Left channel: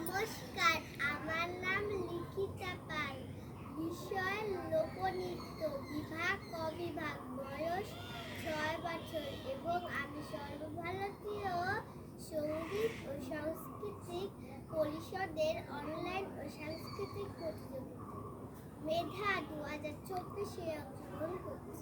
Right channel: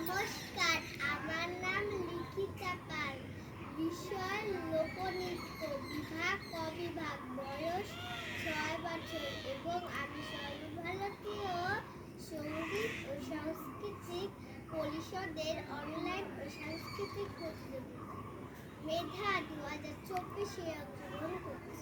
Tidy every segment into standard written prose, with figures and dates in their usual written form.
নমস্কার, আমার নাম লিখিতা পাল। বিষয় লোকনৃত্য, বিভাগ অবিভাগ, বয়স 6 বছর এবং আমি সর্বভারতীয় সঙ্গীত ও সাংস্কৃতিক পরিষদের অনলাইন ও সাংস্কৃতিক প্রতিযোগিতা মেধা 2024-এ অংশগ্রহণ করছি।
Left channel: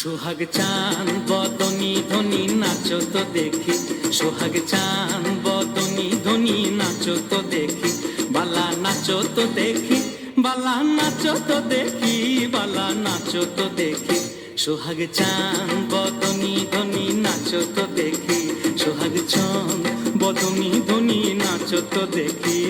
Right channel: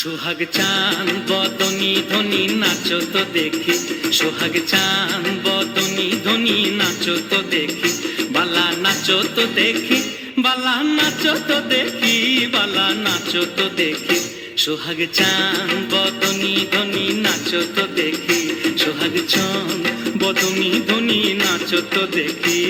সোহাগ চাঁদ বদনী ধ্বনি নাচো তো দেখি, সোহাগ চাঁদ বদনী ধ্বনি নাচো তো দেখি, বালা নাচো তো দেখি, বালা নাচো তো দেখি, বালা নাচো তো দেখি। সোহাগ চাঁদ বদনী ধ্বনি নাচো তো দেখি, সোহাগ চাঁদ বদনী ধ্বনি নাচো তো দেখি।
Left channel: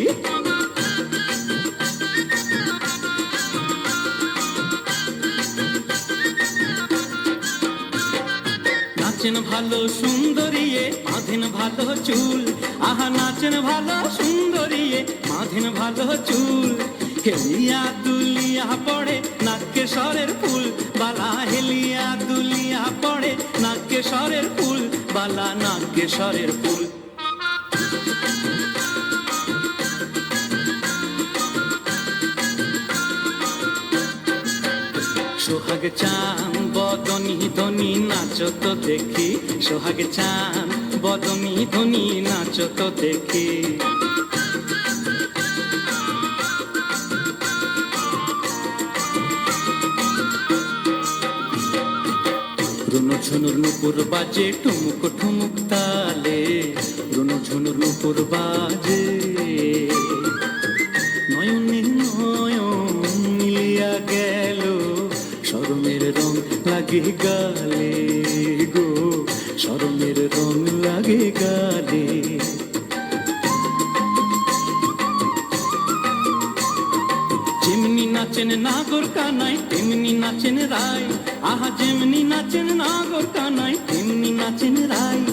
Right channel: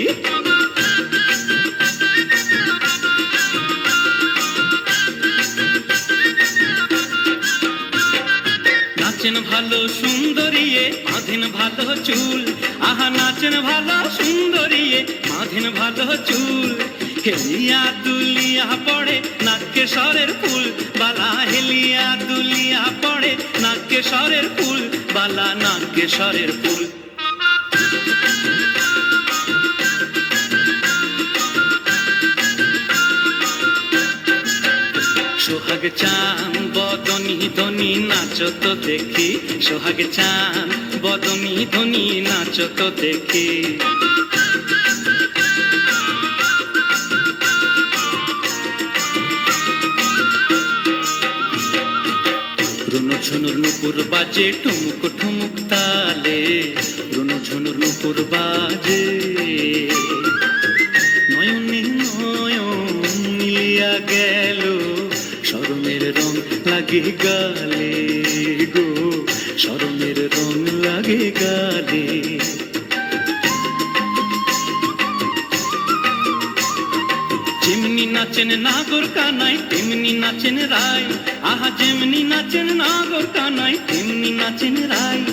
নাচেন ভালো সুন্দরিয়ে, বাঁধেন ভালো চুল, আহা নাচেন ভালো সুন্দরিয়ে, বাঁধেন ভালো চুল। হেলিয়া দুলিয়া পড়ে নাকে সরের ফুল, বালা হেলিয়া দুলিয়া পড়ে নাকে সরের ফুল, বালা নাকে সরের ফুল। সোহাগ চাঁদ বদনী ধ্বনি নাচো তো দেখি, সোহাগ চাঁদ বদনী ধ্বনি নাচো তো দেখি। রুনু ঝুনুর নুপুর বাজে ঠুমুক ঠুমুক তালে, রুনু ঝুনুর নুপুর বাজে, নয়নে নয়ন মিলিয়া গেল, শরমের রং লাগে গালে গো, শরমের রং লাগে গালে। যেমনি নাচেন নাগর কানাই তেমনি নাচেন রায়, আহা যেমনি নাচেন নাগর কানাই তেমনি নাচেন রায়।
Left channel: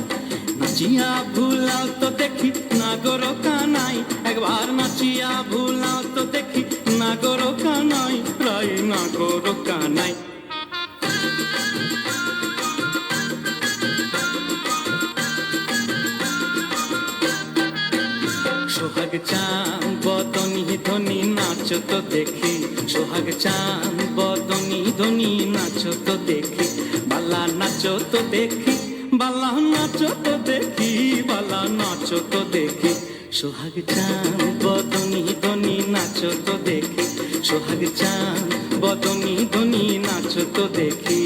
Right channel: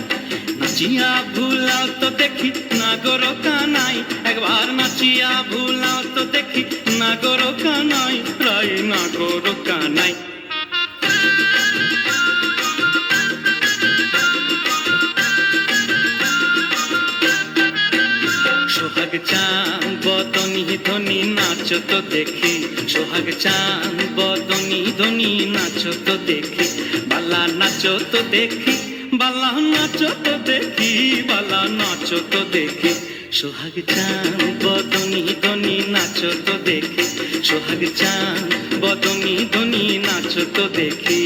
নাচিয়া ভুলাও তো দেখি নাগর কানাই, একবার নাচিয়া ভুলাও তো দেখি নাগর কানাই, রায় নাগর কানাই। সোহাগ চাঁদ বদনী ধ্বনি নাচো তো দেখি, সোহাগ চাঁদ বদনী ধ্বনি নাচো তো দেখি, বালা নাচো তো দেখি, বালা নাচো তো দেখি, বালা নাচো তো দেখি। সোহাগ চাঁদ বদনী ধ্বনি নাচো তো দেখি, সোহাগ চাঁদ বদনী ধ্বনি নাচো তো দেখি।